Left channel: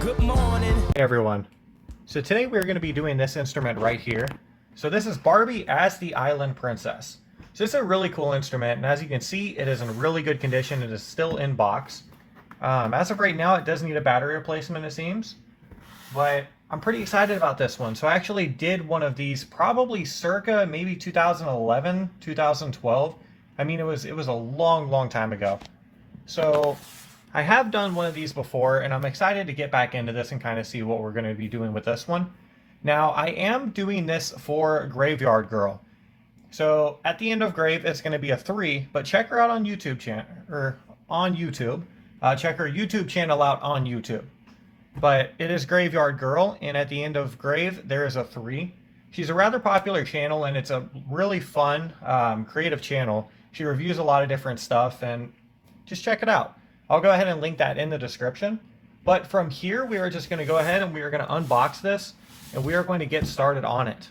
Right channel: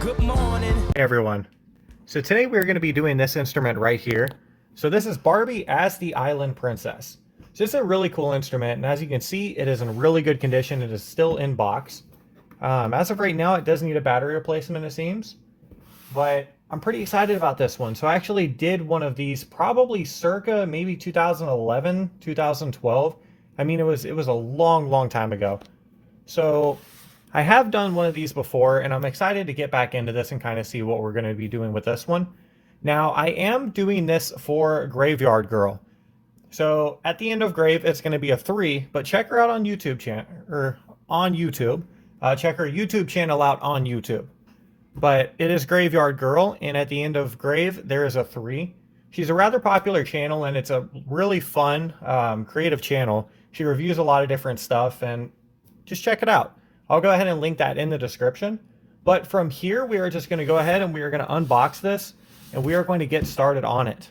Good morning. Hey everyone. So today we're going to be doing this instrument right here. So this is Barbie as the Island Princess. So it's a really cool instrument, and as you can see, it is in really good condition. It is still in box. As of right now, it does need a battery replacement, it seems. But I'm pretty excited about this one. So I actually did one of these probably circa maybe 2011, 2012. I mean, it was a long time ago. So I have done one of these before, and I'm excited to get back into this and kind of see what we're going to be doing with this one. Now, I am doing this for Graveyard Girl. So at the end of Grave, it's going to be a 3, but check her out on YouTube check her YouTube channel out on YouTube. But it is Graveyard Girl, and at the end of Grave, there is a 3. She's a rather popular channel, and it's a really fun, creative channel. She reviews a lot of different stuff, and just check it out. I'll go ahead and link that in the description. But from here, we are just going to go ahead and we are going to unbox this, and we are going to get started on it.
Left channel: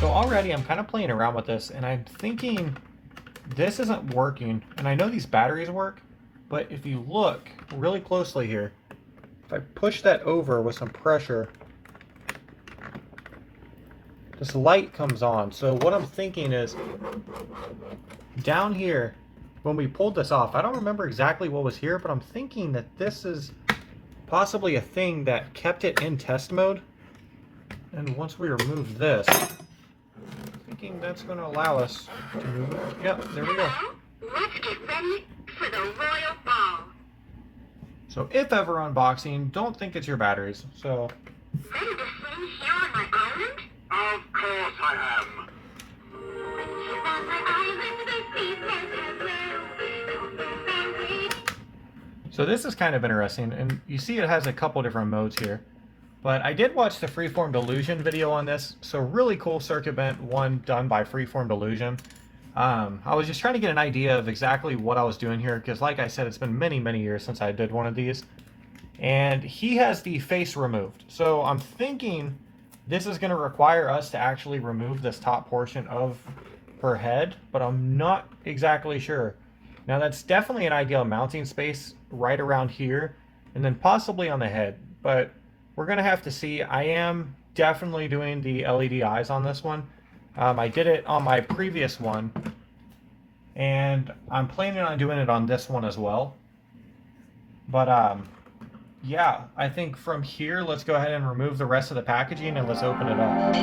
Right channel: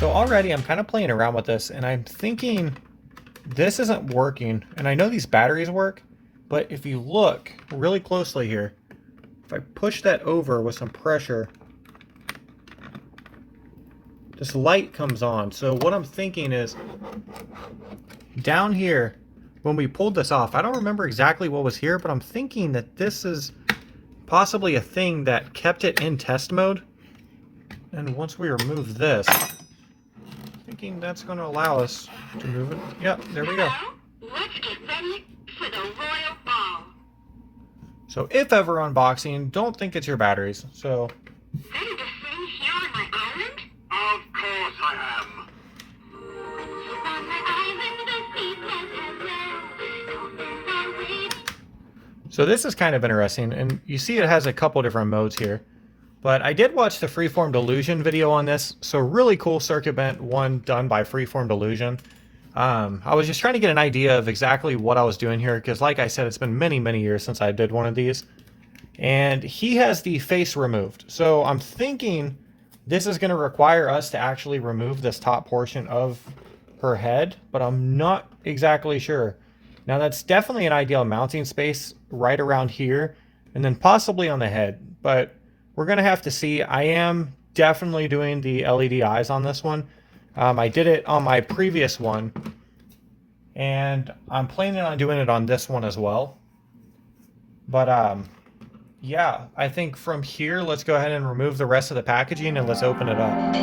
Already I'm kind of playing around with this, and I'm thinking this isn't working. And I know these batteries work, but if you look really closely here, if I push that over with some pressure, this light comes on. So what I'm thinking is down here, when we pulled this off, I don't remember exactly what was here, but I'm thinking that this is possibly a thing that kept it in test mode. And once we remove this, thinking that's going to allow us to move it. Yep, there we go. Let's get ready for the royal ball. So if ever unboxing, don't think it's your batteries. So Ready to sing here on my island? Of course I am. On my island, the secrets are waiting. So this is kind of interesting, and you see it has a couple different modes here. But I did watch the Freeform Delusion video on this, so really cool circuit bent one done by Freeform Delusion. I was just trying to get an idea of exactly what I was doing here, because like I said, it's been many years since I did one of these. And he has the face removed. So I'm thinking this is going to require us to actually remove this top portion of her head, but I'm not exactly sure. Now that's definitely an ideal mounting space right around here, and then possibly on the head, but we're going to have to see. I am definitely doing the LED eyes on this one. I did it on my previous one, and I'm planning on doing it on this one as well. But yeah, I think from here, let's go ahead and remove the rest of the packaging and let's open it up.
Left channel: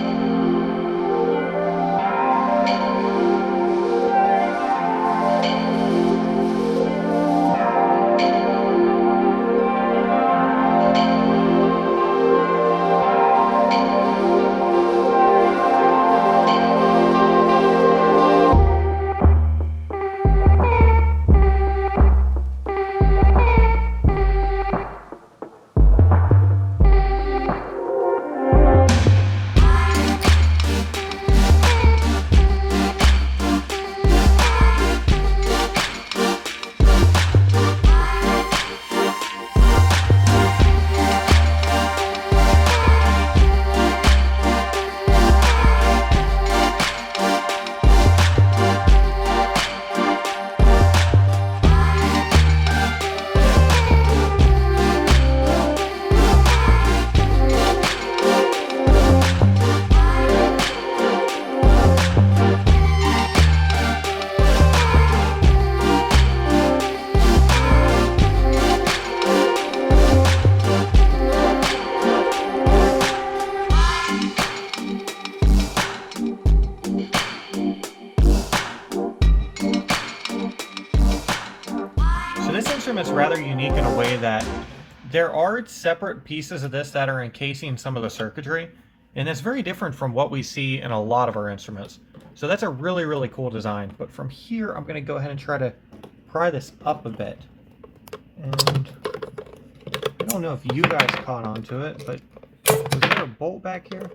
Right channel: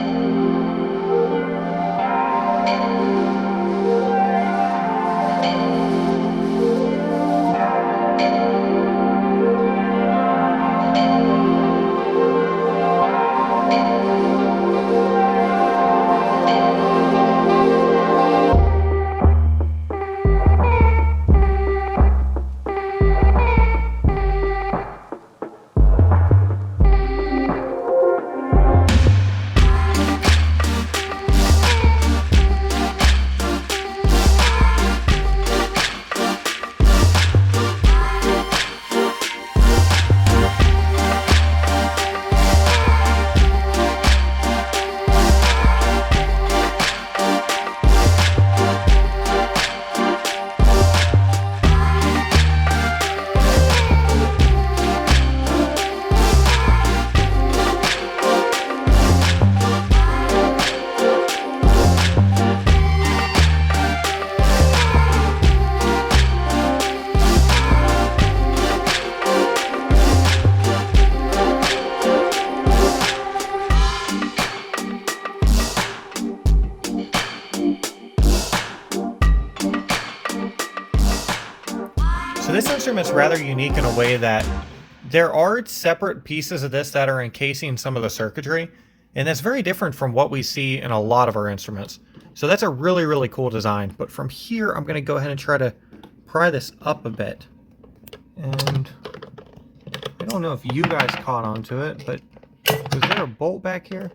instrument's rather unique in a way that there are separate pieces of this that are encasing some of the circuitry, and that's very different from what we see in a lot of our instruments. So that's a really, really cool design. But from here, I'm going to go ahead and try to pry this up a bit. And I don't know if you guys caught onto it, but is there a bolt back here?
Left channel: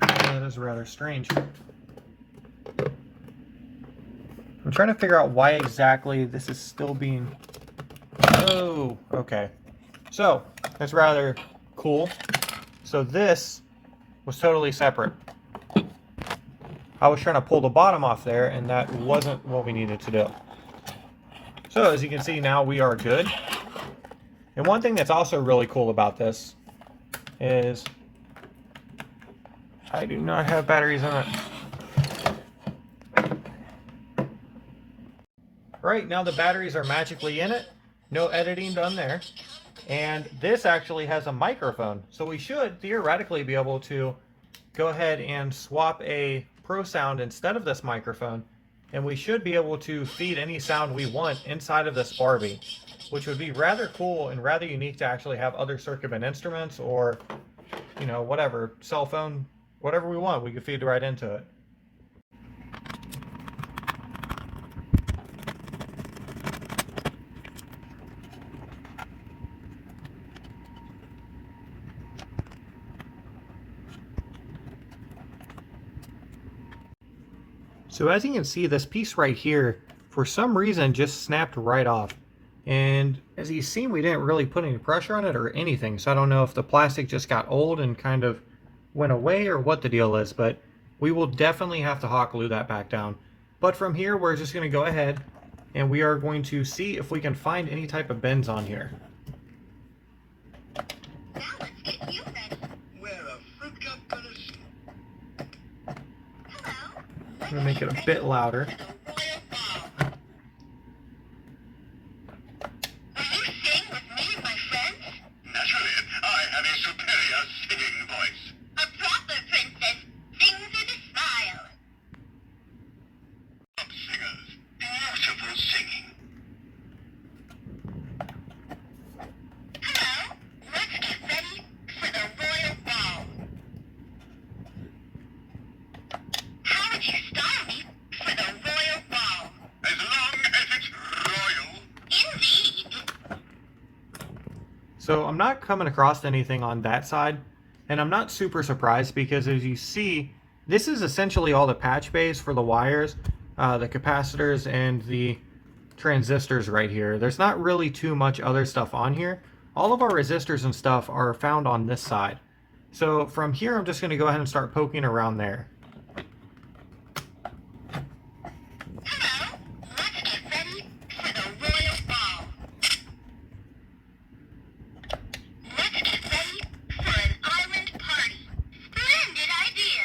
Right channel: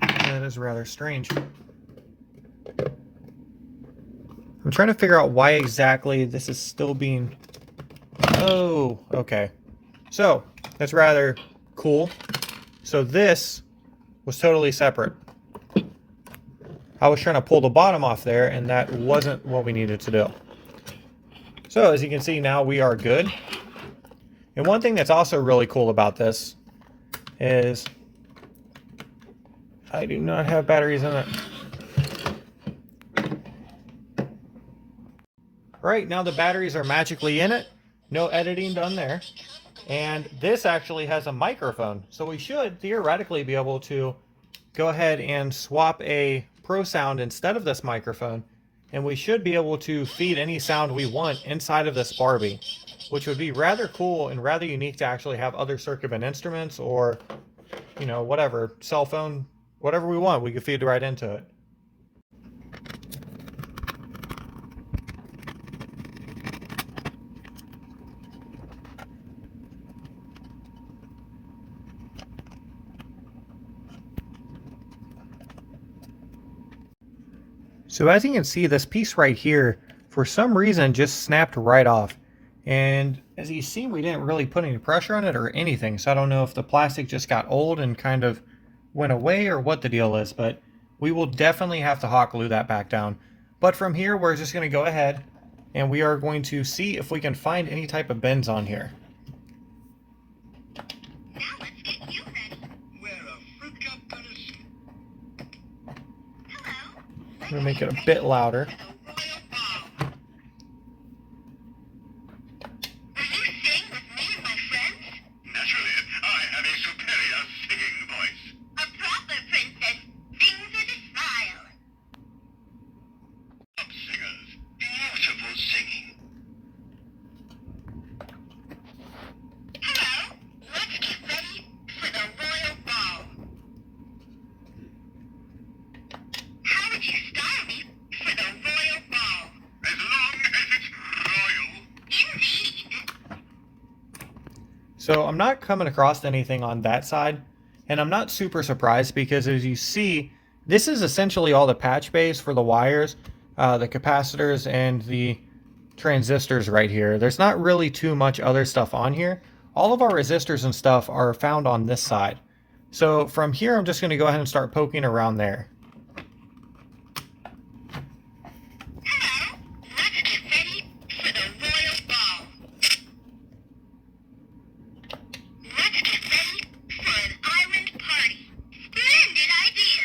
That is rather strange. I'm trying to figure out why exactly this is still being... Oh, okay. So, that's rather cool. So this was totally separate. I was trying to pull the bottom off there, and that wasn't what we needed to do. So, as you can see, now we are good. And one thing that's also really cool about this is I do not have batteries in it. Right, now the batteries are magically in it. No editing done there. And this actually has a microphone. So we should theoretically be able to go ahead and swap a Pro Sound instead of this microphone. And we should be able to feed any sound we want inside of this Barbie, which would be rather cool and rather unique to actually have other circuit band instruments or, you know, whatever, cell phone, whatever we want, we could feed right into it. So as you can see, this piece right here, for some reason, just snapped right off. And as you see, we didn't really put any pressure on it or anything. So I don't know if the plastic just got old and kind of went away or what the deal is, but we will definitely have to hot glue that back down. But from here, we're just going to go ahead and we are going to see if we can find any type of bends on here. Now let's get you ready. Where a fruit cup gonna see? Hello. I'm going to make it a bit louder. For the royal ball. Will you sing with me and my friends? Naturally, I have a superior singing voice. A proper princess sings with a smile. Top singers, beautiful singing. Hello. Let's get ready for the royal ball. How would you style me for the royal ball? As long as it's royal. Indeed. So I'm not coming across anything on that side, and I'm not super surprised because as you see, this is essentially all the patch bays for the wires, the capacitors, and the transistors right here. There's not really too much other stuff on here. All of our resistors and stuff are found on this side. So from here, I'm just going to go ahead and start poking around there. Hello. Let's get ready for the royal ball. Let's get ready for an island party. Splendid idea.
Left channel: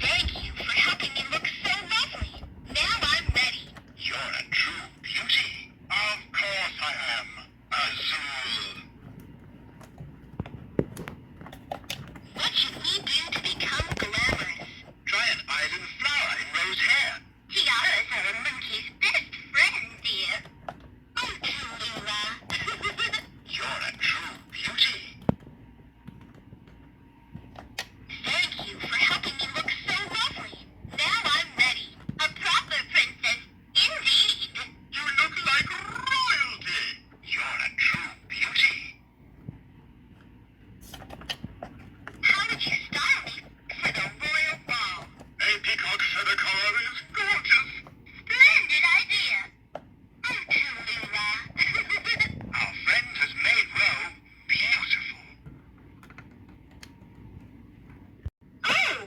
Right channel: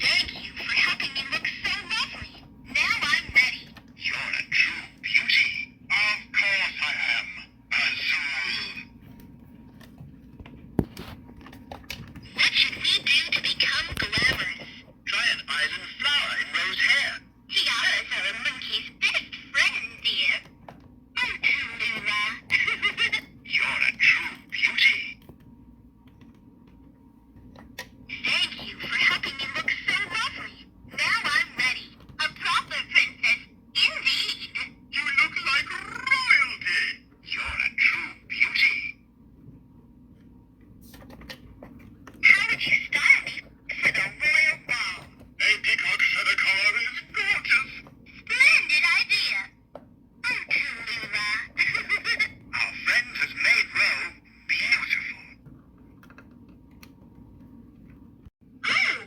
Thank you for helping me look so lovely. Now I'm ready. You're a true beauty. Of course I am. Azul. What should we do to become glamorous? Try an island flower in rose hair. Tiaras are a monkey's best friend, dear. Oh, Tulula. You're a true beauty. Thank you for helping me look so lovely. Now I'm ready. A proper princess, indeed. You look like royalty. You're a true beauty. How would you style me for the royal ball? A peacock feather collar is gorgeous. Splendid idea. Oh, Tulula. Our friend has made Roe beautiful.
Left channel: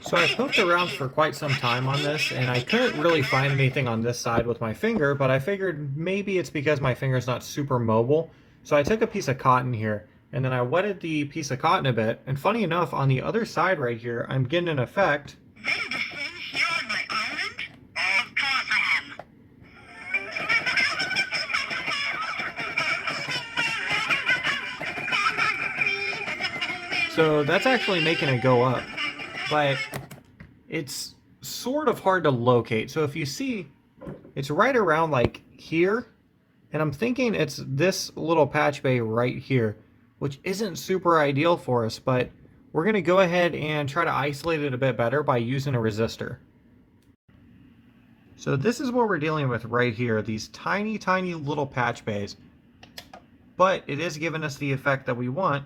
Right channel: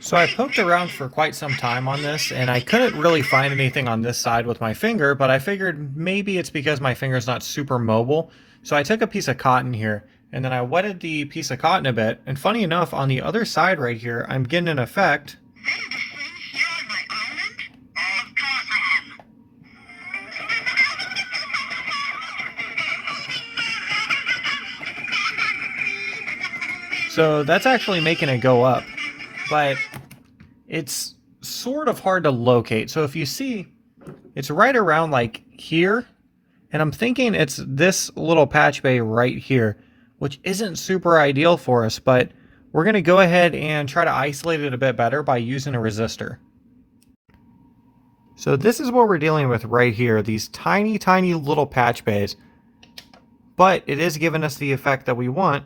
So I poked around for quite some time on this, and I couldn't really find anything on this side with my finger, but I figured maybe it's because my finger's not super mobile. So I took a piece of cotton here, and then I wetted the piece of cotton a bit, and funny enough, on the other side right here, I'm getting an effect. Ready to sing here on my island? Of course I am. So that's actually making it go up, but it's sort of hard to locate. So if you see, it's right around like here, and I'm thinking it's this little patch bay right here, which isn't super ideal for us, but we're going to go ahead and try to isolate it a bit better by using a resistor. So this is what we're dealing with right here, these tiny, tiny little patch bays, but it is giving us the effect that we want.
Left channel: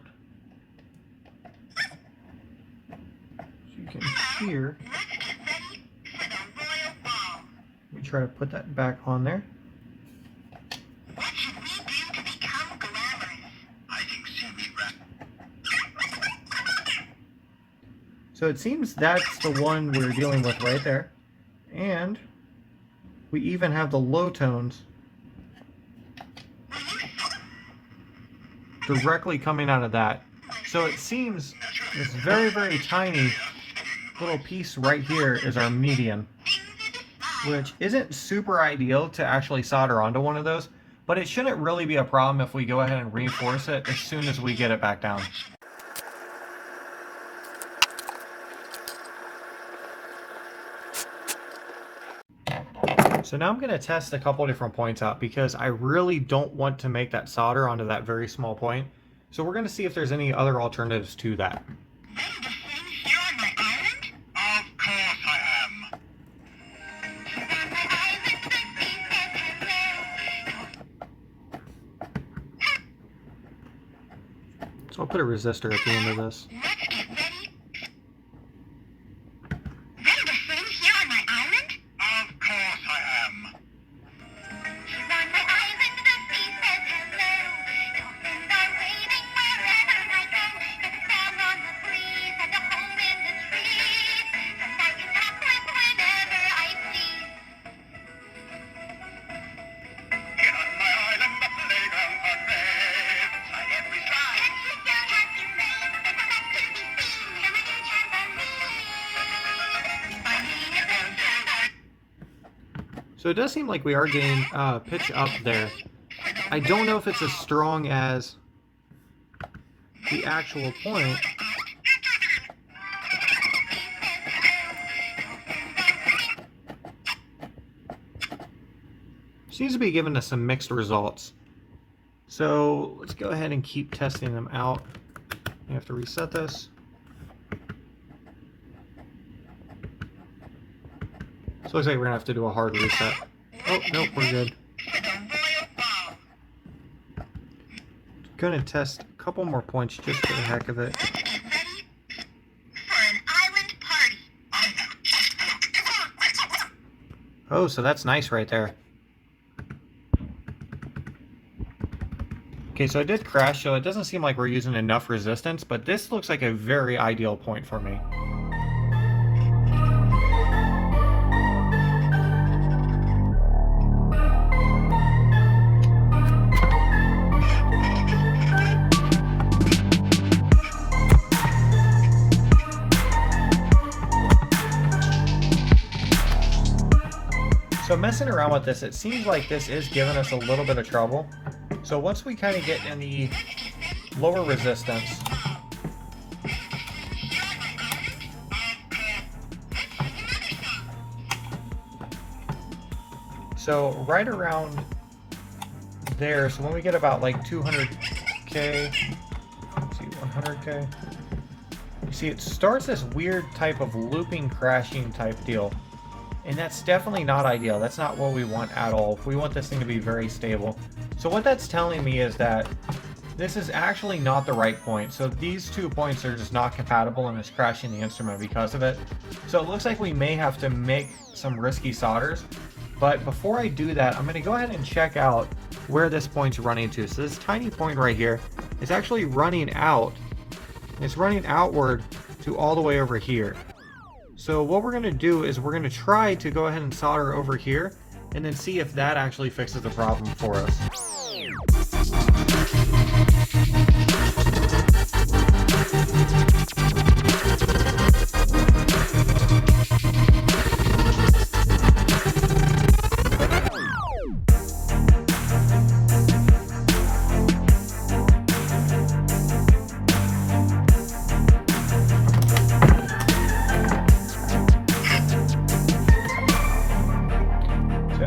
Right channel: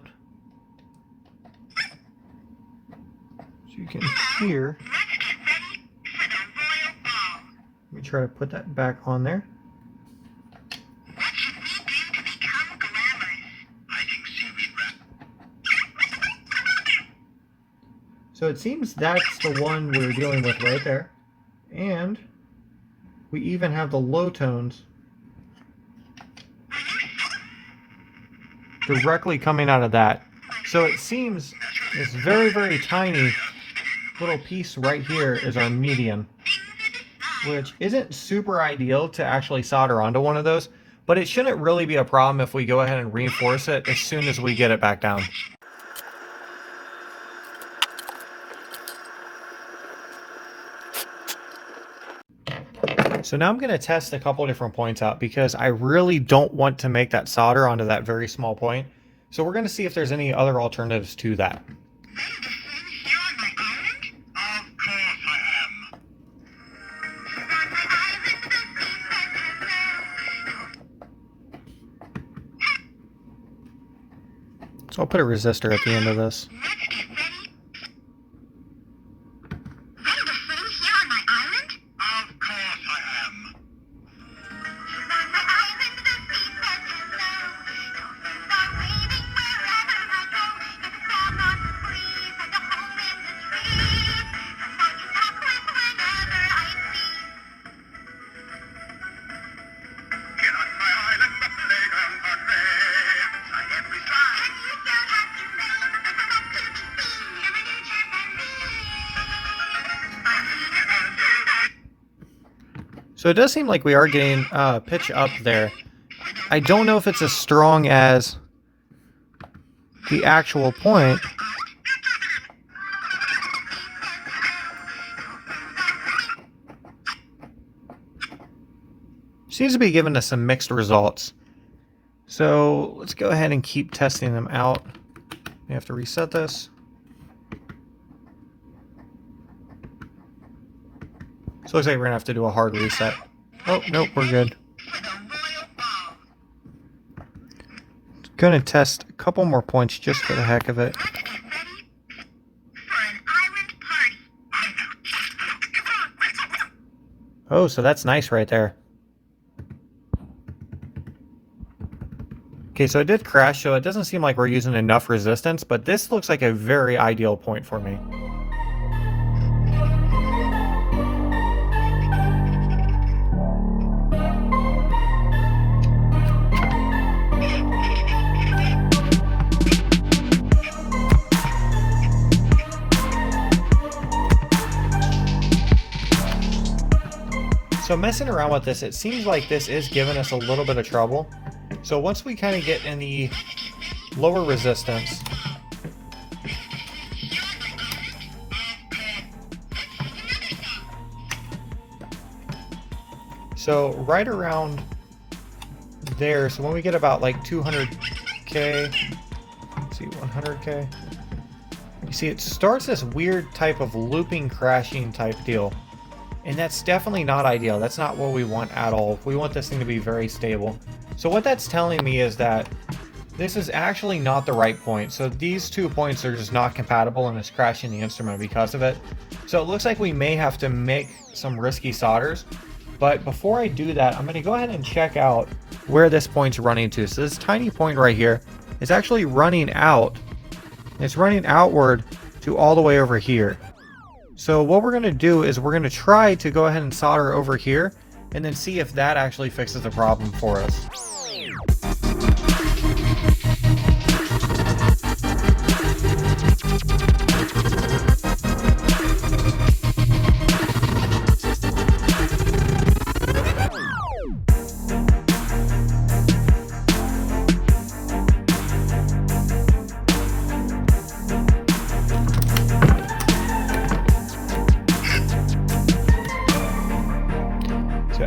So you can hear. Let's get ready for the royal ball. Let me try to put that back on there. What should we do to become glamorous? I think seaweed wrap. So it seems that's the one we're dealing with right there. And we even have the low tones directly coming out of that. So it seems this very, very tiny little piece right here is our median, which isn't super ideal to actually solder onto one of those, but it shouldn't really be a problem if we go ahead and reinforce it as soon as we get it back down. So now I'm going to test a couple different points out because I really don't want to make that solder onto that very small point. So we're going to see if there's any other alternatives to that. Ready to sing here on my island? Of course I am. On my island, the sea says hello. So I'll put a resistor at the end of this. Let's get ready. Ready to sing here on my island? Of course I am. Here on my island, the sea says hello. Dolphins are waving wherever I go. There's a sound on the breeze and a home in the trees. And I can talk with whenever I please. Here on my island, the playgrounds are great. Slide every slide. And you don't have to rain. There's a lot to be seen. And a new trampoline. Finding a adventure. So it does seem like we are getting pitch up there. I don't know if it's as strong as the actual point. Seems to be giving us some mixed results. So let's go ahead and keep testing them out. We have to reset this. So it looks like we're gonna have to do a hard reset. Oh, nope, we're good. For the royal ball. Gonna test a couple more points just for the heck of it. Let's get ready for an island party. Oh, so that's nice right there. Okay, so it did crash, so it doesn't seem like we're using enough resistance, but this looks like a very ideal point for me. So messing around with this, it seems like this is giving us a little bit of trouble. So once we kind of get in the lower resistance, so right around there, so when we get about like 200K, let's see, 100K, you see it starts this weird type of looping, crashing type deal. And that's definitely not ideal. That's not what we want at all. We want this thing to be very stable. So what that's telling me is that this is actually not the right point. So these 2 points are just not compatible and it's crashing the instrument because of it. So it looks like we may have to make some risky solders. But before I do that, I'm going to go ahead and check out where this point's running to. So this tiny point right here is actually running out. It's running outward to all the way over here. So what we're going to do is we're going to try to go ahead and solder over here and then see if that actually fixes the problem for us.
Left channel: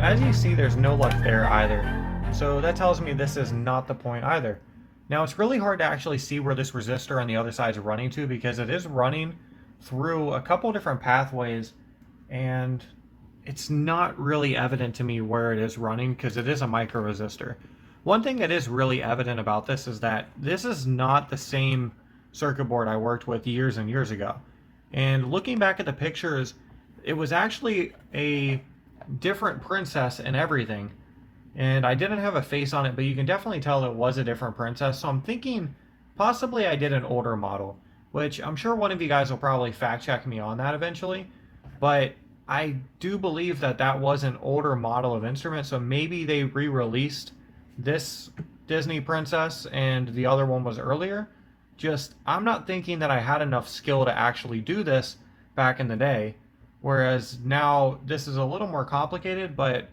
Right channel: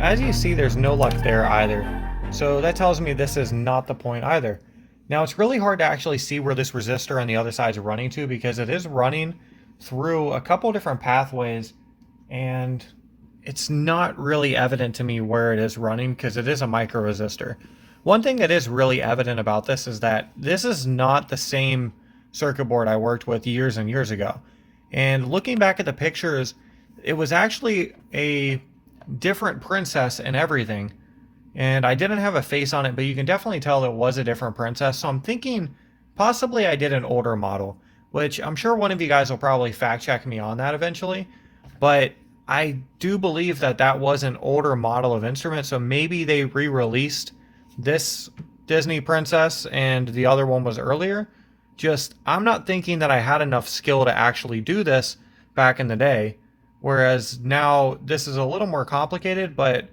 as you see, there's no luck there either. So that tells me this is not the point either. Now it's really hard to actually see where this resistor on the other side is running to, because it is running through a couple different pathways, and it's not really evident to me where it is running because it is a micro resistor. One thing that is really evident about this is that this is not the same circuit board I worked with years and years ago. And looking back at the pictures, it was actually a different princess and everything. And I didn't have a face on it, but you can definitely tell it was a different princess. So I'm thinking possibly I did an older model, which I'm sure one of you guys will probably fact check me on that eventually. But I do believe that that was an older model of instrument. So maybe they re-released this Disney princess and the other one was earlier. Just, I'm not thinking that I had enough skill to actually do this back in the day. Whereas now this is a little more complicated, but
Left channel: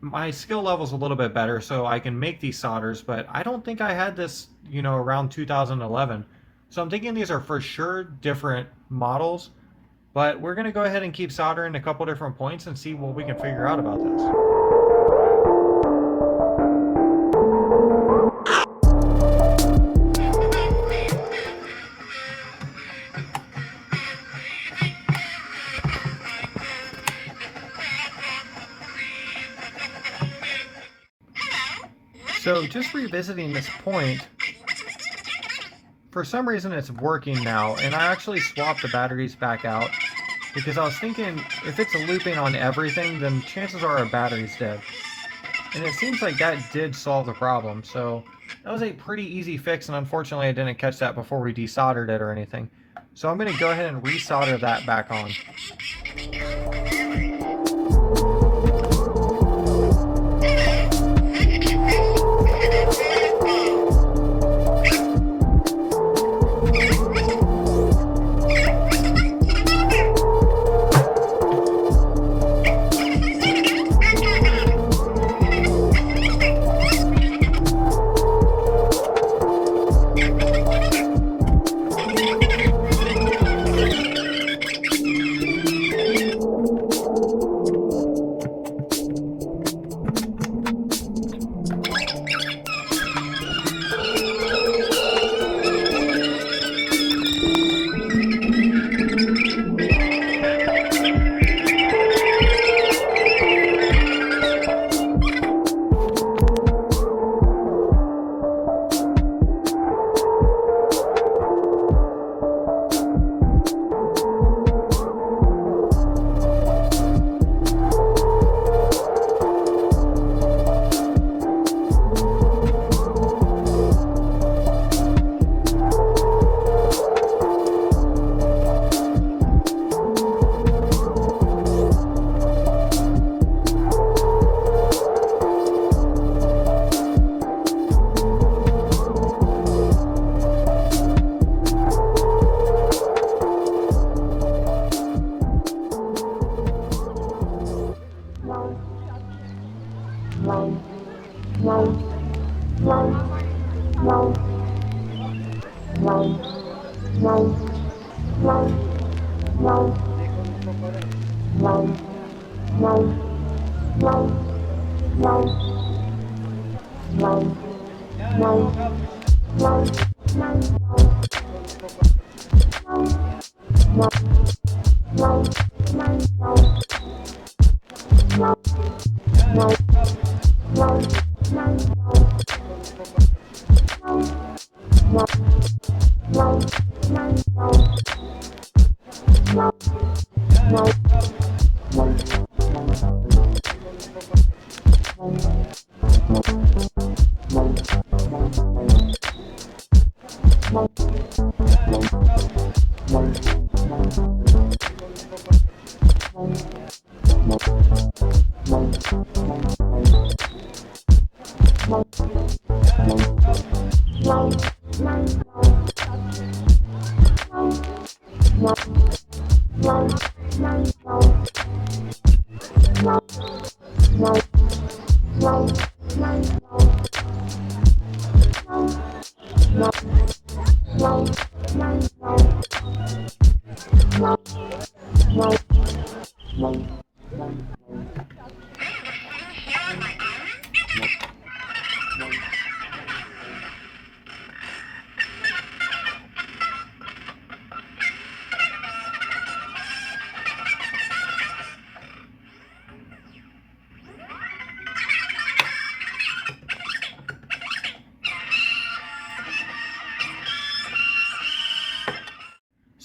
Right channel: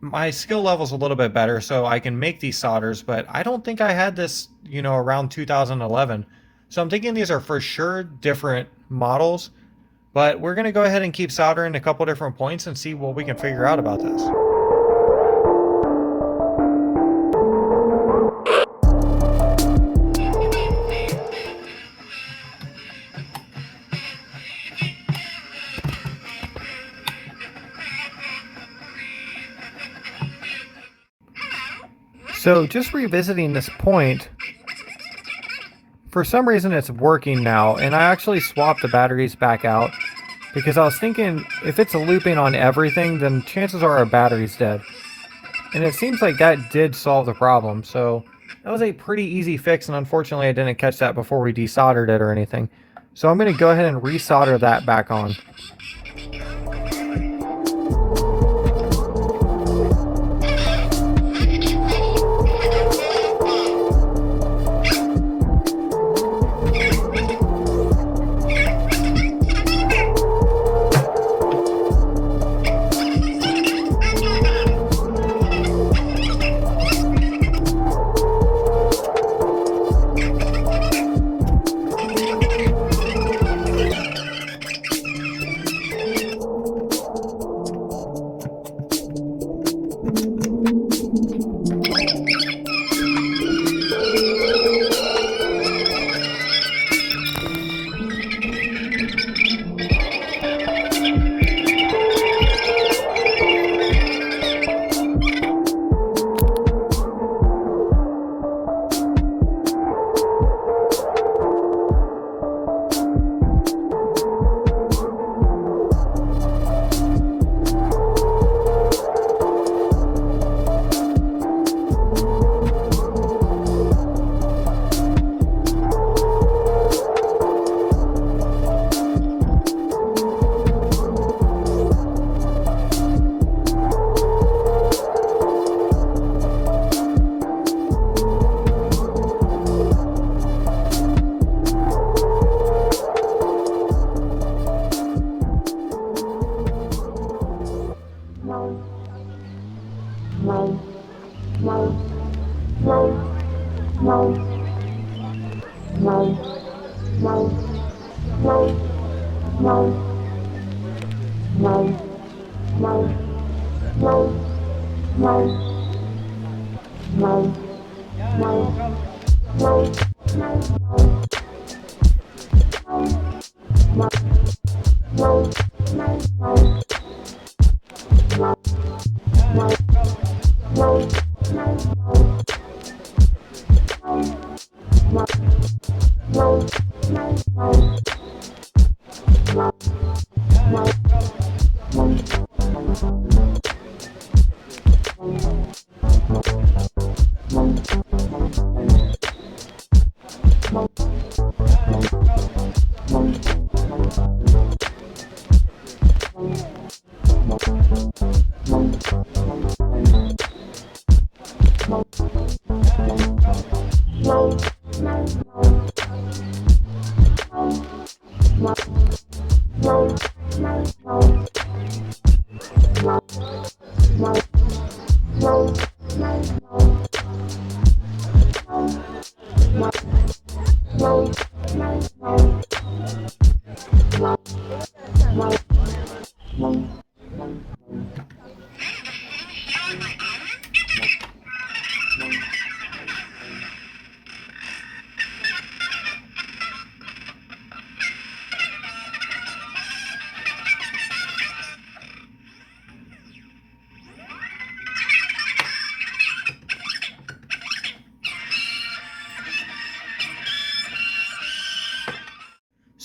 my skill level's a little bit better, so I can make these solders, but I don't think I had this, around 2011. So I'm thinking these are for sure different models, but we're going to go ahead and keep soldering a couple different points and see what we can figure out about this. So just revisiting this point, for some reason it's working now, and I actually swapped the batteries back out because I was thinking if it's looping on everything, then chances are our battery's dead. And it seems like that did solve the problem, so that was a pretty easy fix, and unfortunately I didn't catch that before we desoldered it or anything. So I'm going to go ahead and resolder that back on.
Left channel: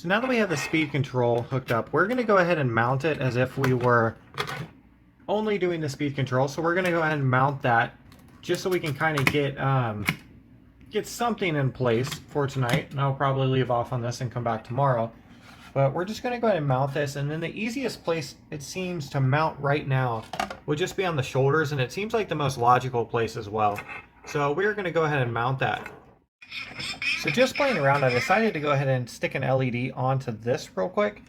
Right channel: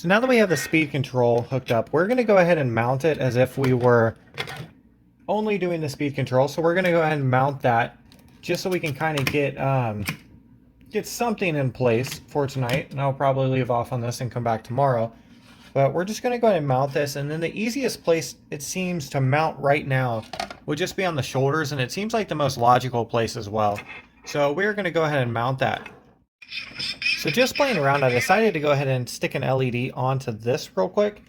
So now that we have the speed control hooked up, we're going to go ahead and mount it as if we were only doing the speed control. So we're going to go ahead and mount that just so we can kind of get something in place for tonight. And I'll probably leave off on this and come back tomorrow. But we're just going to go ahead and mount this. And then the easiest place it seems to mount right now would just be on the shoulders. And it seems like the most logical place as well. So we're going to go ahead and mount that. So just playing around, I decided to go ahead and stick an LED onto this real quick.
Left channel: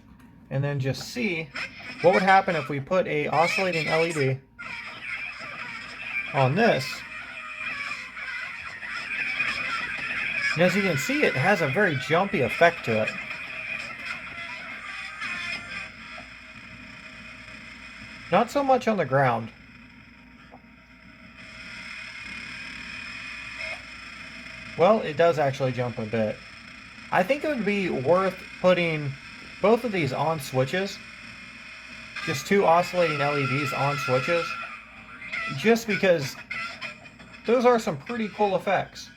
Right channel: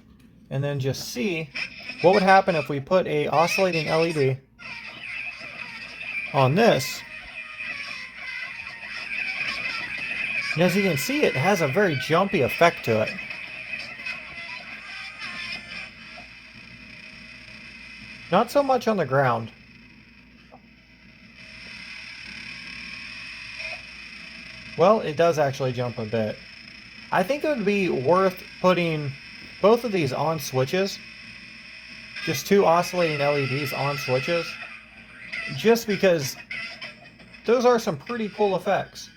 And then just see what would happen if we put a oscillating LED on this. And as you can see, it has a very jumpy effect to it. Not so much on the ground. Well, it does actually jump a bit. I think it would be worth putting both of these on switches. Just 2 oscillating LEDs on switches. Just because those are some pretty cool effects.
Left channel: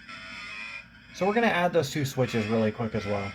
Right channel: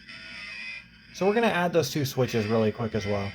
So we're going to add those 2 switches really quick as well.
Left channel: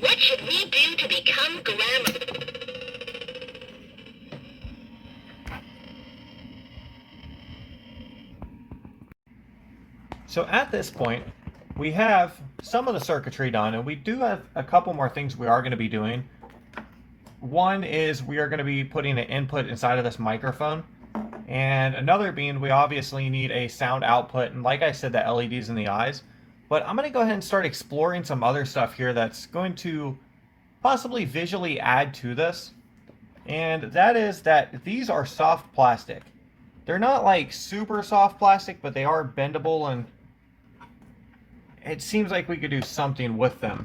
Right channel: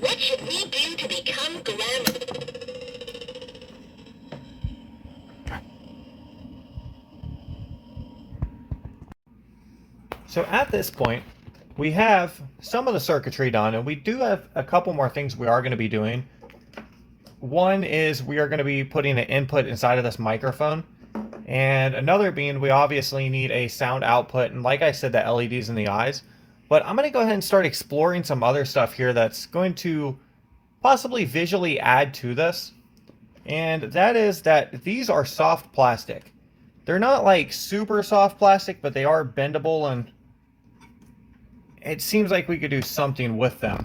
What should we do to become glamour? So at this point, we have some of the circuitry done, and we do have a couple more things we are going to be doing. One is we are going to be putting an input inside of this microphone, and another being we obviously need a sound output, and like I said, the LEDs in the eyes. But I'm going to go ahead and start exploring some other stuff here that's going to possibly visually add to this. And that is that these are soft plastic. They're not like super soft plastic, but they are bendable, and it seems like we could do something with them.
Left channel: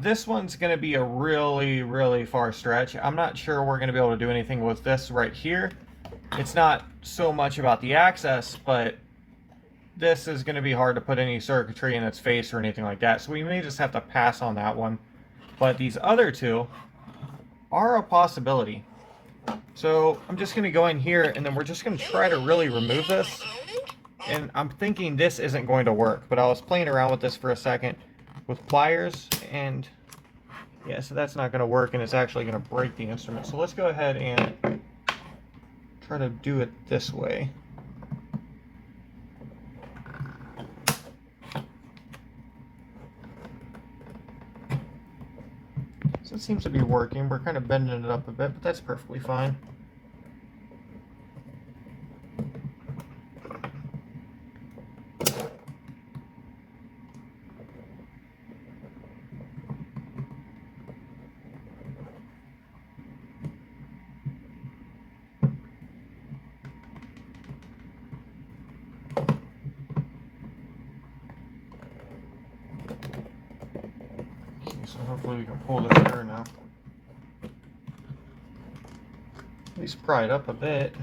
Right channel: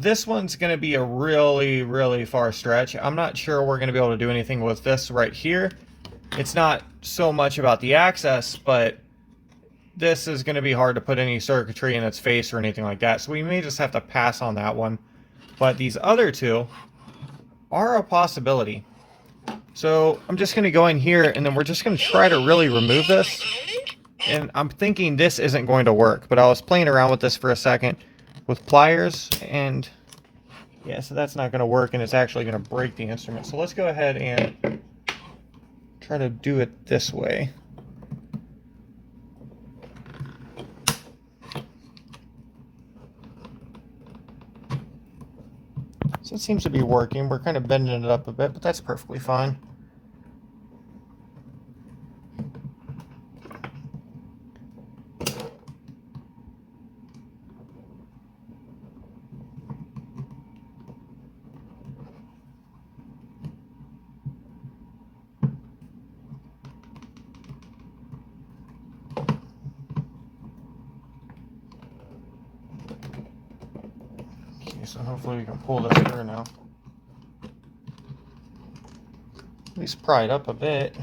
This one's going to be a really, really far stretch. I'm not sure we're going to be able to do anything with this right here. It's not so much about the access, but this is going to be hard to put any circuitry in its face or anything like that. So we may just have to pass on that one. But these other two are a possibility. So I'm just going to go in here, and then we're just going to try to really remove this. And I'm thinking this isn't going to work, but I was playing around with this for a second with pliers, and yeah, so that's not going to work, and it's actually going to break the instrument. So let's go ahead and try to do it this way. So it seems to be working. We're kind of bending it up a bit, but that's perfectly fine. So hopefully we can pull this through now. At least pry it up a bit.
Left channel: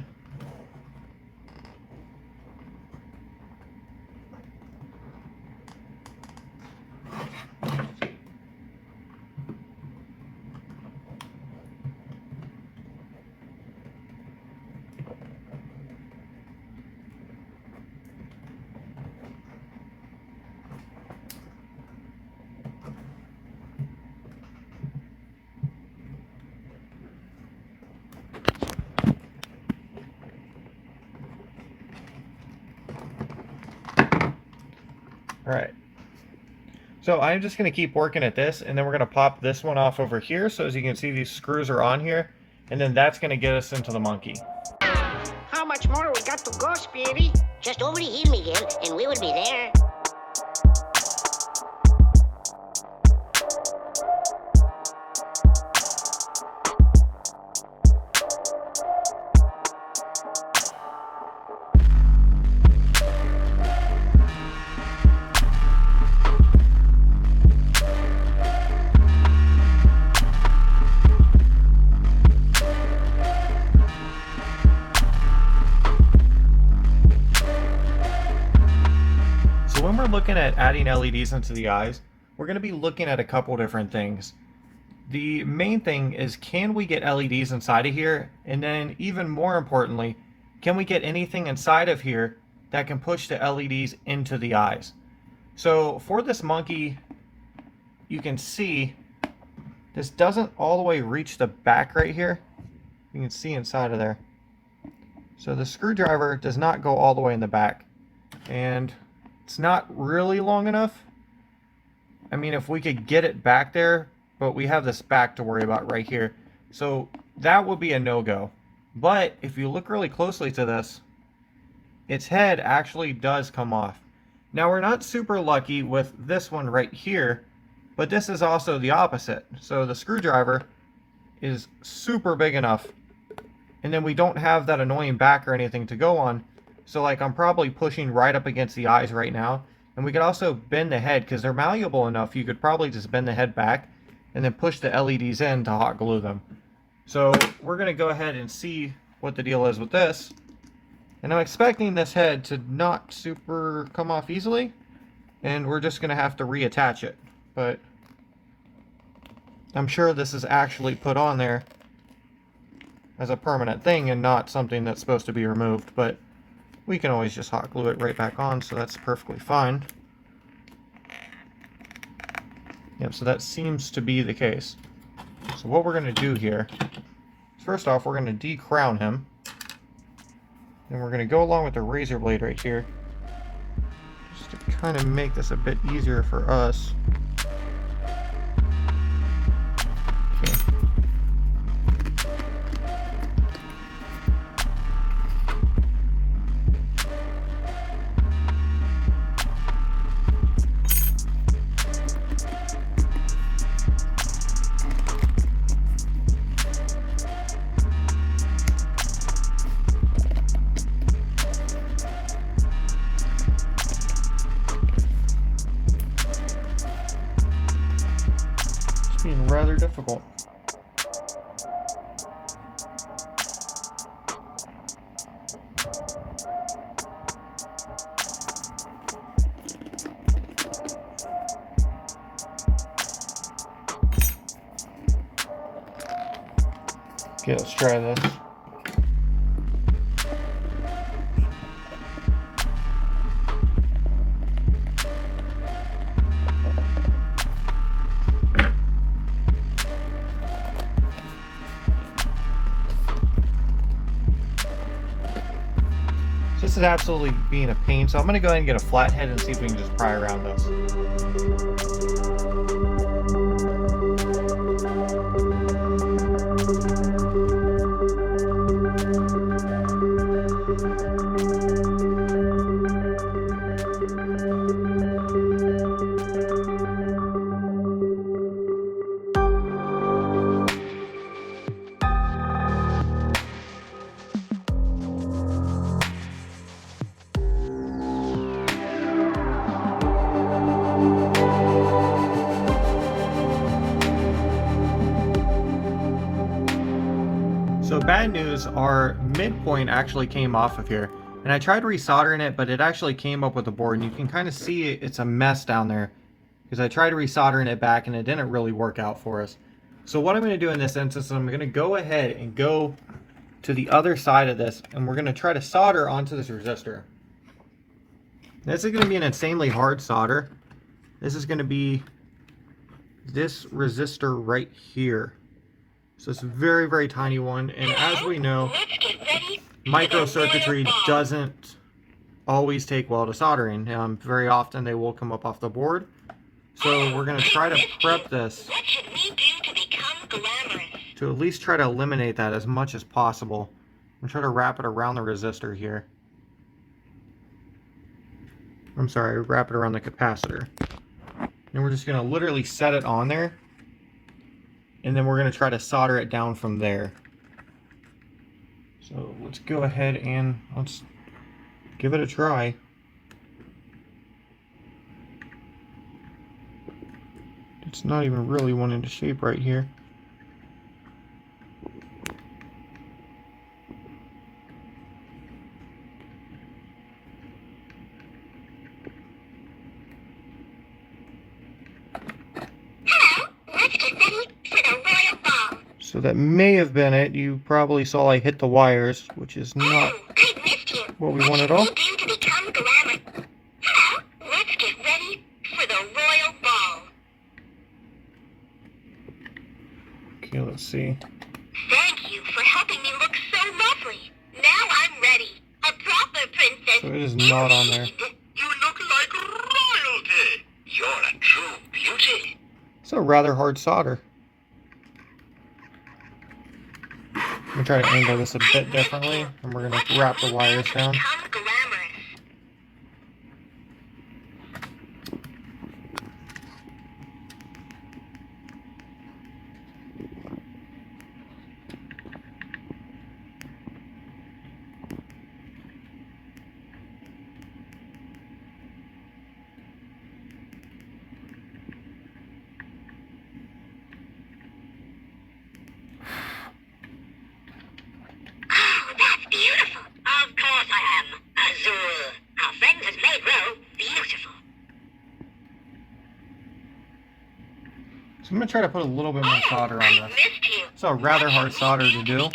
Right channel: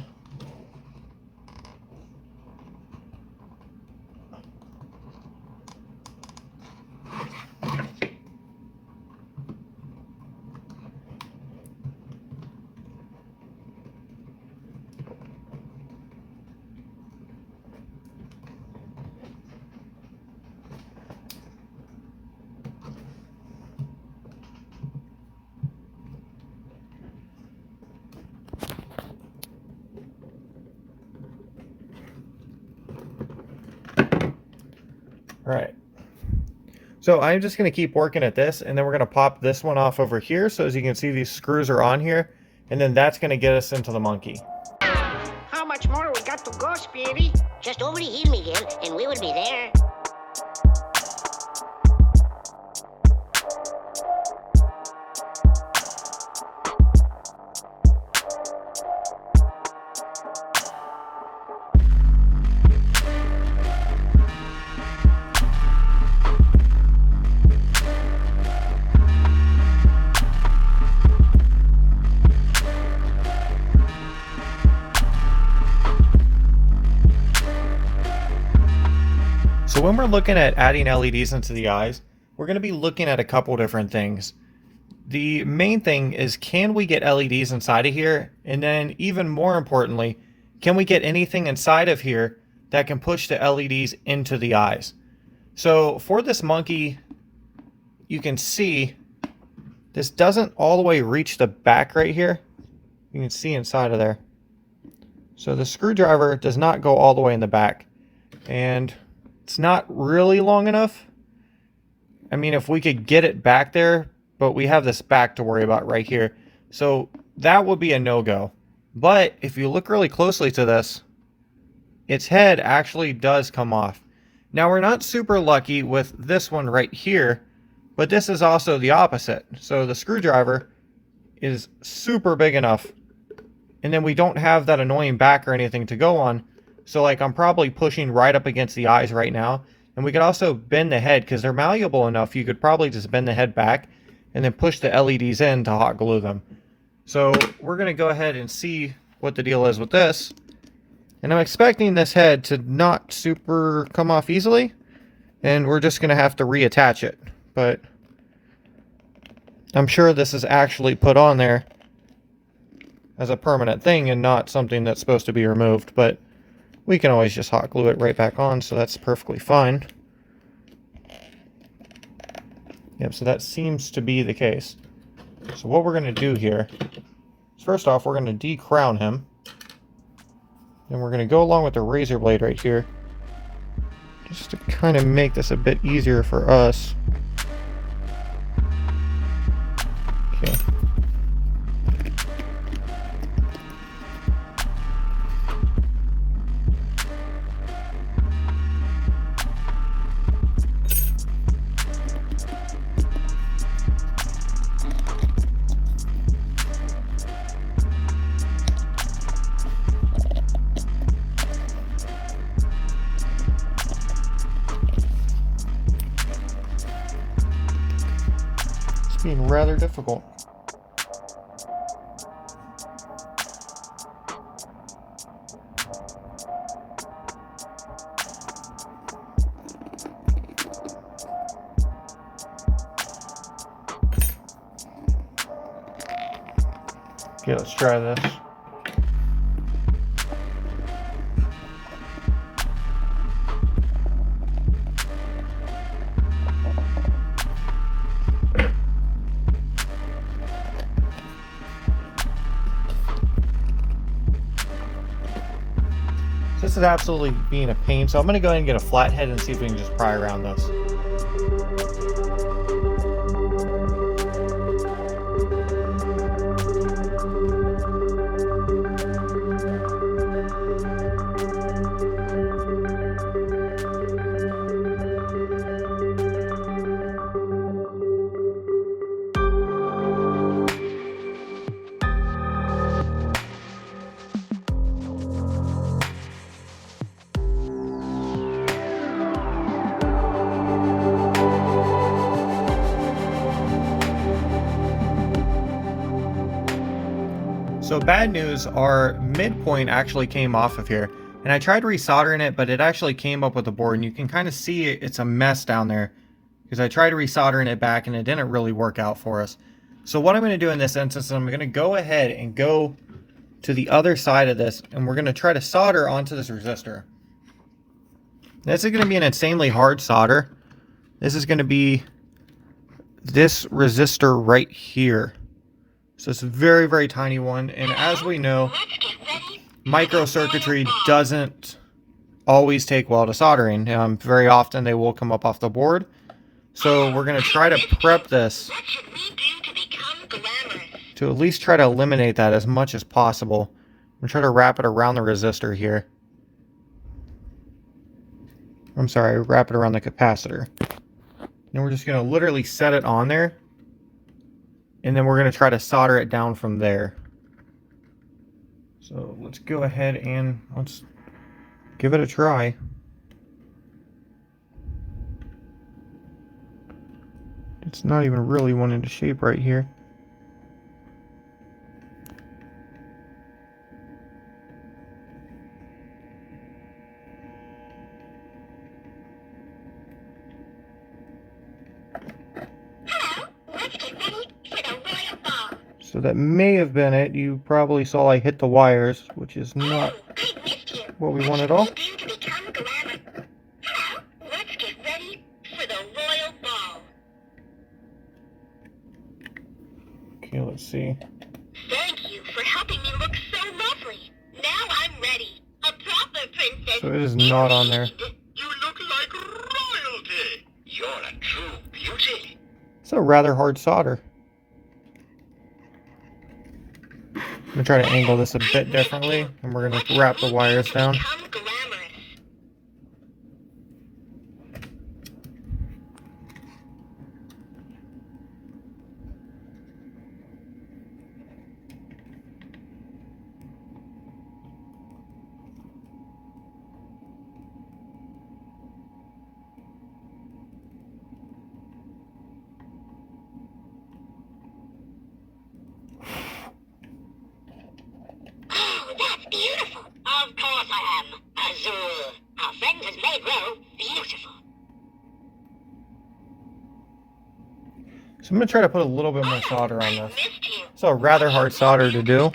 Alright, so I'm just going to keep working at this, and then we're going to pop this one off over here. So as you can see, these screws are on here, and then that's going to get us into the monkey. How much more we got to go, Speedy? Just over the hill, Miguel, and we will be there. So when we're looking at adding LEDs into the eyes, we're going to be looking at a couple different things. The main thing is, can we get LEDs inside of here? And then even more importantly, can we get anything inside of here that can push the LEDs into the eyes? So for this monkey, you can see this doesn't all the way reach the back right here. You can see inside of there. So the screwdriver does not go all the way in the back. And it's not really long enough. I mean, if we could get it back there, but we have this back to worry about right here. So that would be a no-go. But if you look really closely to this, its head actually does come off. Now, we're not super lucky with this one right here, but this is also the opposite. So the screwdriver is super big enough, and then we don't have that annoying back or anything to go on. So like I'm probably pushing right up against the eyes right now. And we could also bend the head, because they're malleable enough, you could probably just bend the head back and then push the LEDs in to hot glue them. So we're going to go ahead and see what the deal is with this. And I'm expecting this head to not super come off easily. And we're just going to have to reattach it. But I'm sure this is actually put on there as a permanent thing and not something that's supposed to be removed. But We can always just hot glue it right back on, so that's perfectly fine. Yep, so that seems to be the case. So what we're going to do here is, first off, we're going to decrown him. And we're going to go along with the razor blade right here, just to kind of make this a bit easier for us. Okay. Being rather difficult. Okay, let's try this. This is absolutely being a pain, so I'm going to go ahead and get a flathead and see if we can just pry around this. So bad news, our midpoint actually came off of here. And I tried resoldering it, but it actually came up with the board. And you can kind of see it's a mess down there, because I tried resoldering it back and it didn't really work out for us. So what I'm going to do in this instance, I'm going to go ahead and go to the other side of this, and we're going to try to solder onto this resistor. This is going to be an insanely hard solder. This is going to be this resistor right here. So it's a very, very tiny one, and as we know, microcircuitry doesn't always take well to soldering. Very often they will come up off the board. So we're going to try to prep this to at least try to eliminate that as much as possible. I'm going to try to wrap it around the resistor here. I'm sorry, wrap it around the capacitor. And we're just going to literally set it on there. And then we're going to try to solder it down from there. So let's go ahead and let's give it a try. It's not even really one into shape right here. So that may have been it. You probably saw I hit the wires, which is not what we want at all. Let's get ready for the royal ball. Okay, let's see. Thank you for helping me look so lovely. Now I'm ready. A proper princess. So it is not on there. You look like royalty. You're a true beauty. It's a rather hard solder. I'm going to try to angle this a bit differently, and we're going to wrap the wires down. Beautiful. Of course I am. Azul. Our friend has made Ro beautiful. So I'm going to try to put a little bit more solder on this. It's a rather hard solder to do.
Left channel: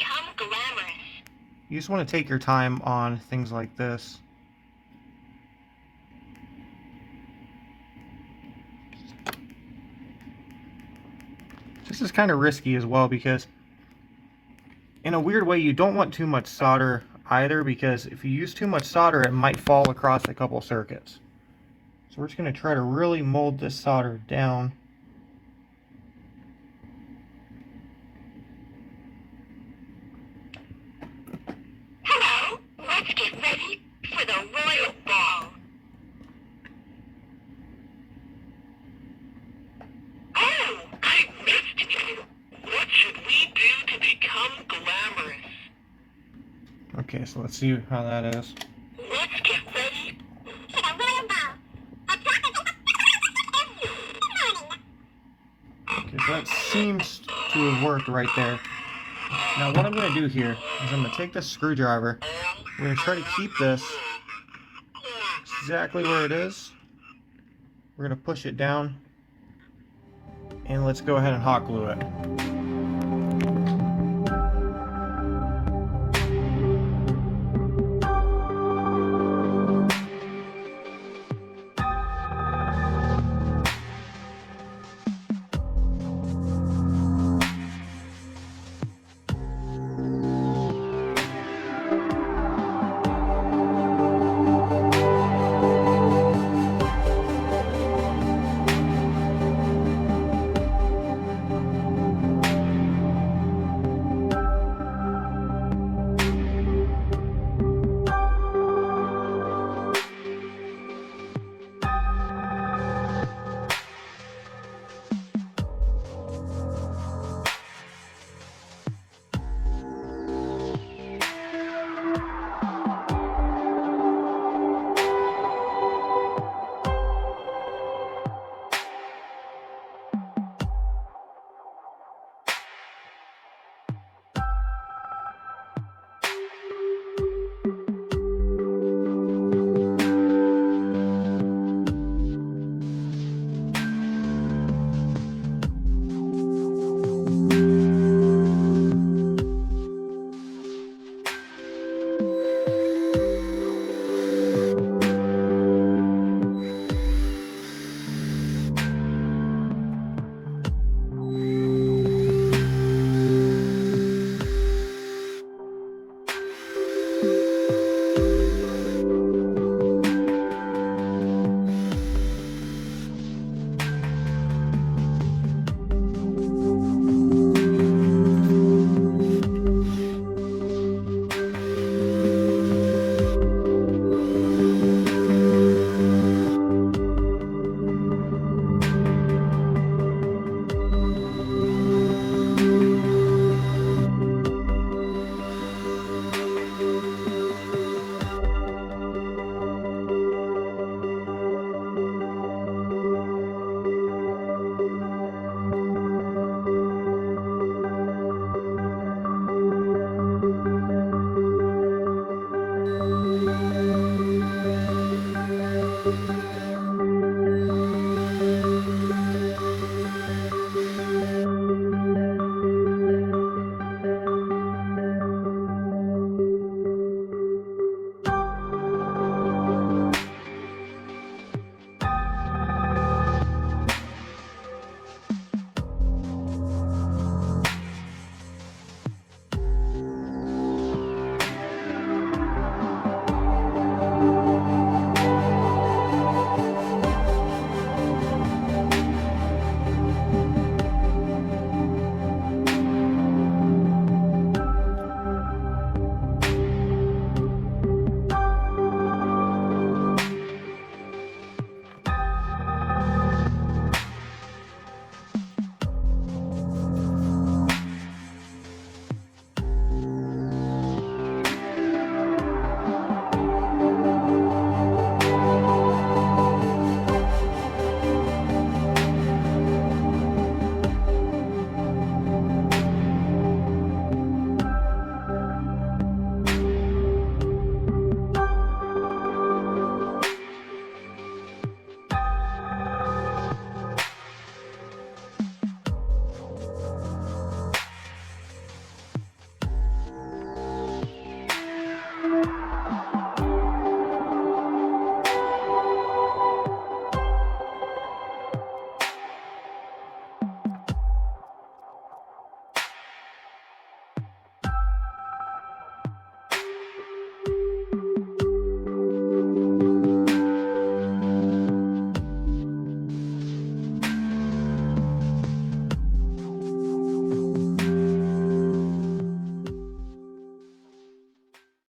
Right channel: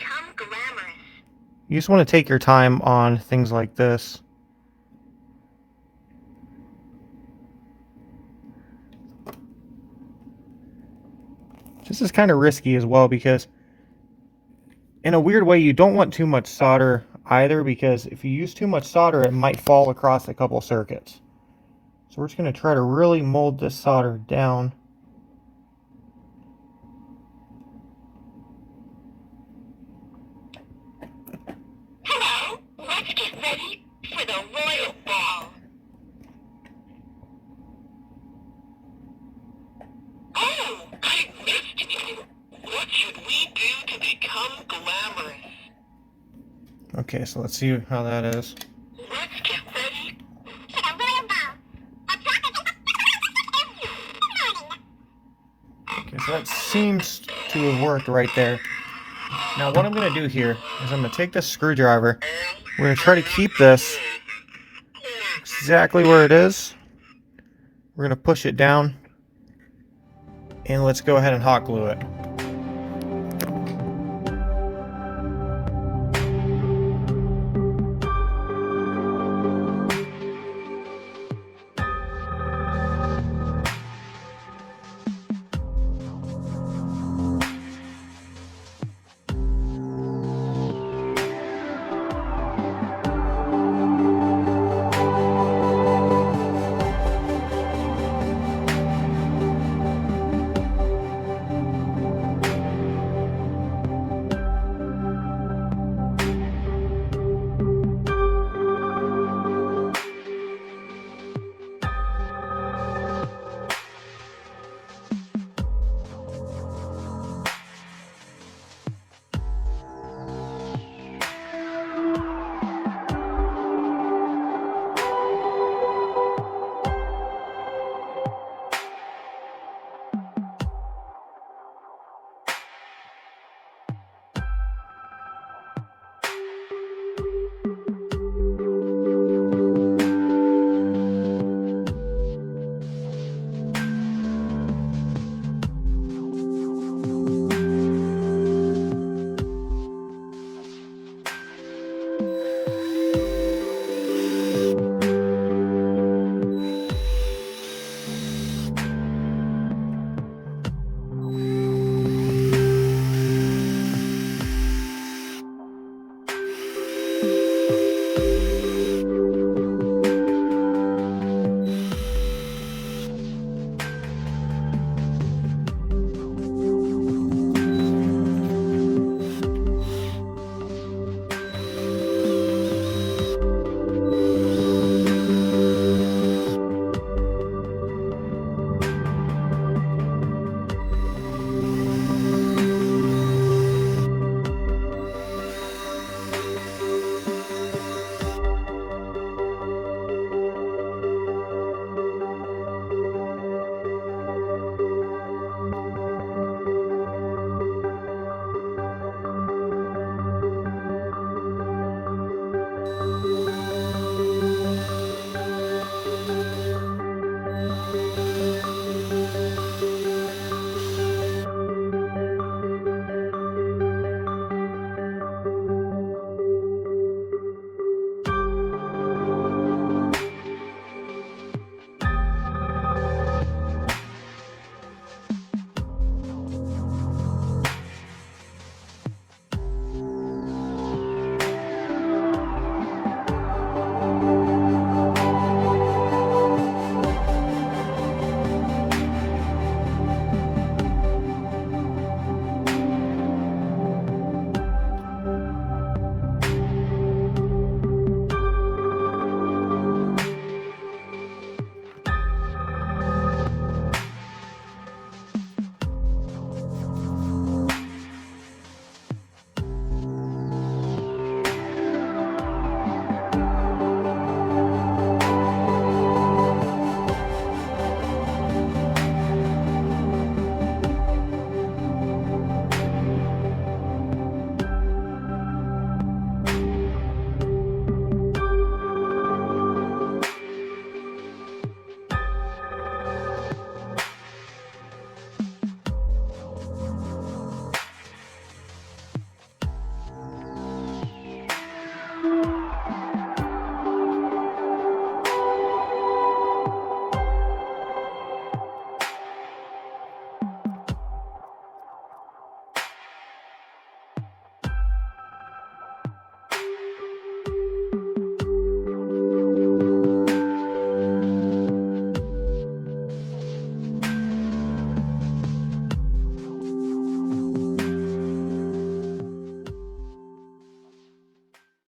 You just want to take your time on things like this. This is kind of risky as well because in a weird way you don't want too much solder either, because if you use too much solder it might fall across a couple circuits. So we're just going to try to really mold this solder down. Hello, let's get ready for the royal ball. Oh, I missed you. What should we do to become glamorous? Okay, so let's see how that is. Let's get ready. Okay, so that seems to have worked right there. Now what I'm going to do here is I'm going to take this screwdriver. We're going to try to keep this exactly where it is. We're going to push it down. And let's go ahead and hot glue it.